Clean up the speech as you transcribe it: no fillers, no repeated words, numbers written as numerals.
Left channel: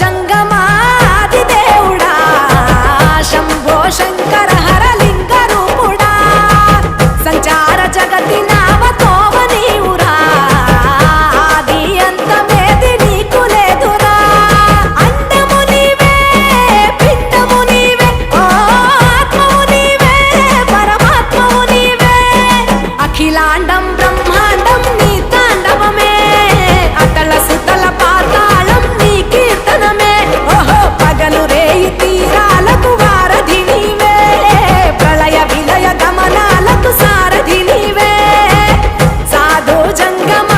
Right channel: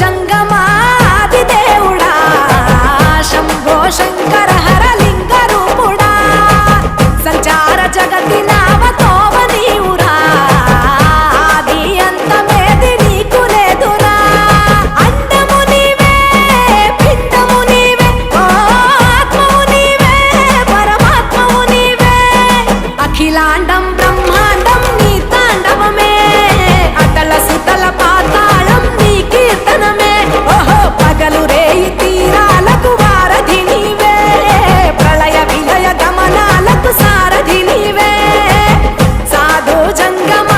జంగమాది దేవుడా శంభో శంకర హరలింగ రూపుడా సంచార జగతి నావతోవ నీవురా ఆది అంతమేది నీకు లేదురా అండము నీవే పిండము నీవే ఓ ఆత్మవు నీవే పరమాత్మవు నీవే అఖిలాండం బ్రహ్మాండం నీ తాండవమే అతల సుతల పాతాళం నీ కీర్తనమే ఓహో పగలు రేయి తీరాలకు వారధి నీవే ప్రళయ విలయ గమనాలకు సారథి నీవే సాధు జంగమ